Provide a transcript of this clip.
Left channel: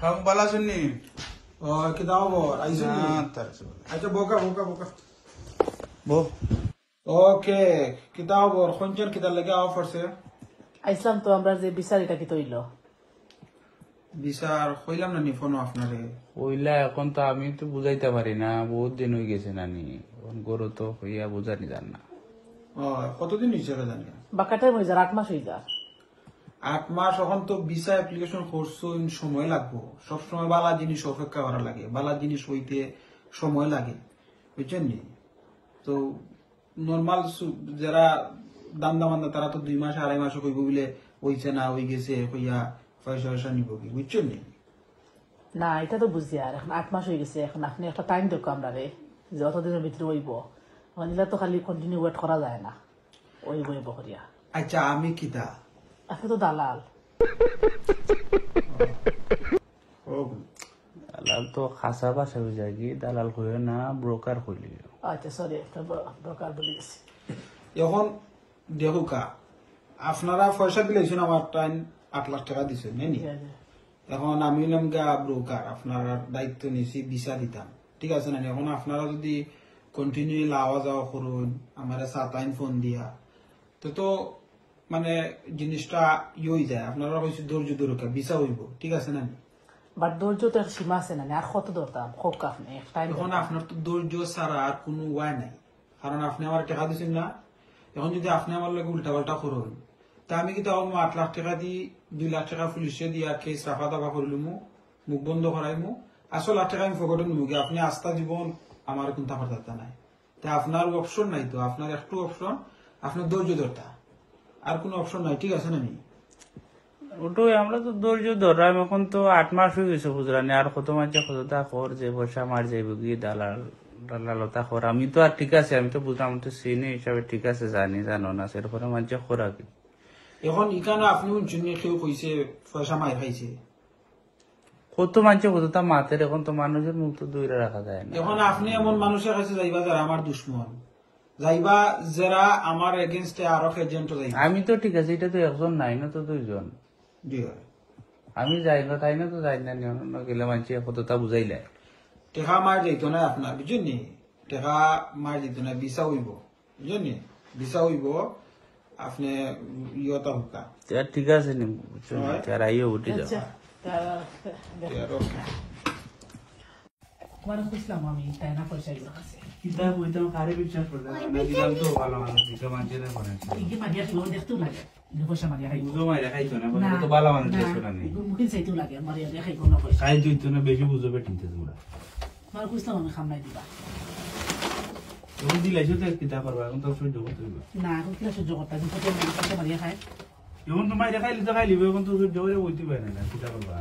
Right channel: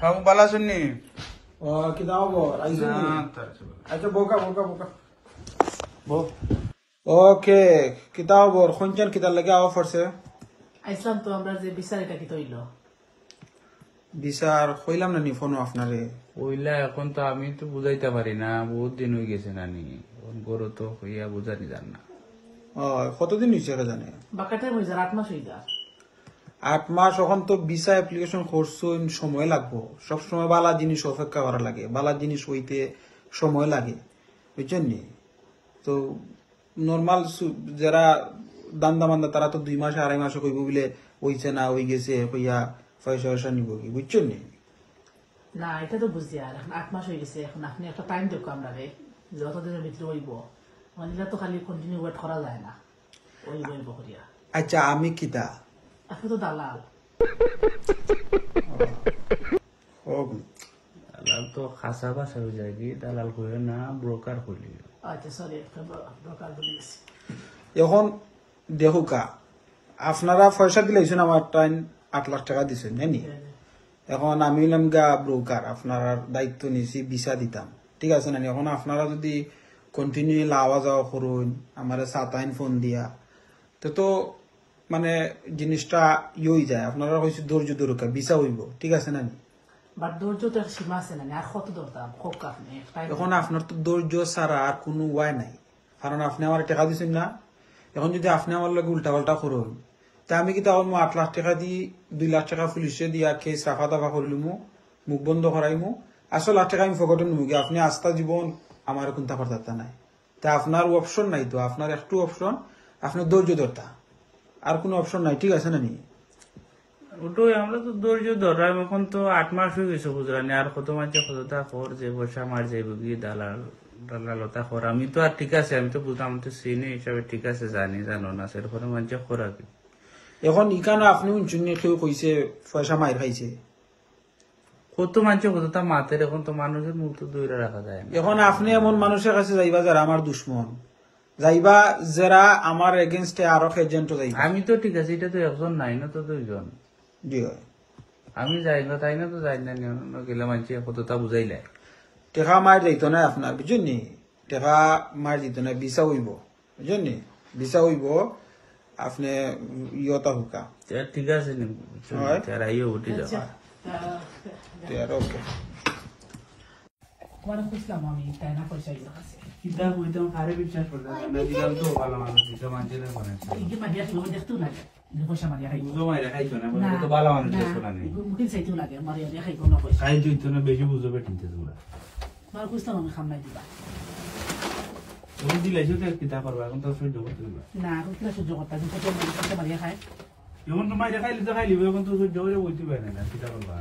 কাম বালা শুননি কিতাব আইছো নি আচ্ছা বোকা বোকা বোকা ওকে কিতাব খঞ্চান কিতাব লাগে আওয়া পড়ছে আইসলাম তো আমরা যে বিচারিটা কি তৈল বিচার কইলাম না নি ফোন আপনারে ওইলা এখন তো আমি তো বুঝাইতে পারি না, বহুত দিন হয়ে গেছে নানি, এখন গরু তো হইয়া বুঝানি জান না। কতদিন হয়েছে ওরা জানে? বাকাটাই হয়ে যায় 8 মাস হয়ে যায়। 8 মাস এখন তো ভিসা অ্যাপ্লিকেশন করছেন, সময় লাগবো। সবসময় বালা জিনিস অপেক্ষা করা লাগে, বালা জিনিস হইতে সময় লাগে, বুঝছেন নি? তো নর্মাল যারা দান্দা মান্দা তারা তো 2 মাস 2.5 মাসে কইব বলে হইছে না হয়ে গেছে কইয়া পয়সা পয়সা নিব কি, বুঝছেন নি? না এটা তো বুঝছি, আর এখন 8 মাস হয়ে গেছে, এখন আপনি একটা টাইম দেখো আমরা রে যতদিনের ভিতরে হইব, মানে তো খালি কন্টিনিউ ওয়েট করা যায় না, ওই হইব করিয়া। আচ্ছা আমি কিতা আপনি তো দালাল। দালাল তো খাসা বাসা হয়ে যায় কি, দালাল করে না ব্রোকার করলি। আচ্ছা সরি, ব্রোকার বলে গেছি। এখন দেখুকা আপনারা পয়সা দিলেছেন, আমার টাইম 8 লাখ টাকা দিচ্ছেন নানি। এখন আমি হলাম গা ব্রোকার, আপনার দায়িত্ব নিয়েছি ভিসা দিতাম, ঠিক আছে না? এখন আপনারা যদি কন্টিনিউ লাওয়া যাওয়া করুন আমার 7 আইন ফোন দিয়া, তো মানে জিনিসটা হয়ে যায়। আপনারা হয়েছে ধৈর্য দরকার, ভিসা হইব, ঠিক আছে না? বাট ধৈর্য তো একটা সীমা আছে না, আর কত দরকার হোক আপনি। এখন আপনার তো ধৈর্য ছাড়া আর কোনো উপায় নাই, কারণ আপনি আমার টাকা দিচ্ছেন না। এখন যদি আপনি আমার লোক উল্টা পাল্টা করুন, তা আমি কি তাহলে 8 লাখ টাকা দিয়ে 2 লাখ টাকা পুলিশে দিয়া কেস রাখা দাফা করিলিমু, মুখ বন্ধ করাইমু, আসলে টাকা আমি ফকটে নিবো। আপনি আস্থা জীবন আমার কোনটা পারতা নাই, তা আপনার অপশন নাই। তো আপনার একটু অপশন, আপনার ধৈর্য ধরতা, আর কোনো অপশন নাই, ঠিক আছে না? ওটাই আমরা তো ধৈর্য ধরলাম, এখন তো 8 মাস হয়ে গেছে বুঝলানি, আর কত মাঝে কতটা কর যে পয়সা মার যাইব গিয়ে দালাল দালালতা কর। আমি তো আর ঠিক আছে, আমি তো বুঝলাম, তো সিনিয়র হিসাবে ঠিক আছে, জানো না সেরপরে মাঝে করা কি। এখন ইখানে আপনি কেউ কইছে পয়সা মাই খাইছে, কত মানছে কতটা মাতের, এখন তো মানুষের মুখ তো দূরে রাখা যায় না। এখন আপনি এমন মানুষের কাছে যাইবা যারা আমার দুশ্মন, যাইবা যারা আমার এগেনস্টে আরো এজেন্ট যাইবা। আমি তো ঠিক আছে, এটা তো একজন নাই না, তো 2 জন। জি হয়, আমি যাই না, তাই না তো যাই না, গেলে মানছে কতটা বুঝাইলে টেকা মার যাইত না আপনার, বুঝছেন নি? টেকা মার দিত না, ভিসা হইব, বুঝছেন নি? ভিসা হইব, আপনি ইয়তা হুকা ঠিক আছে নি, আইও উঠে যাও। ওকে তোমার খুঁজলাম আমি, তাই না পয়সা এগুলো আছে কিতাব হইতাম কারে বিশ্বাস করতে না দিলাম তো ভালো মানুষ দিতে মানছে না মনে হয়। এই মারিয়া তো দেখতেও লাগে, পয়সা মারিয়া খাই বুঝো মাইরা খাইতো না, বলে তো ভালো মানুষ দেখছো না নি। মুখিন চাইতেও লাগে, মারিয়া দিয়ে খাই কোনো পয়সা খাই তুইতো না, বেশি বুঝো বেটিনতে তোমরা। তোমার খুঁজলাম আমি, খামলাই দিবা তুমি দিলাইছো তো কিতাব করবা, এখন তো সহ্য করতে হইবা না, এখন কি সহ্য করতে, পয়সা মারিয়া খায়। এখন তো মাইরা খাইলে তো খাইলিব, এখন তো সহ্য করে বইতে পারে না কিতাব করবা।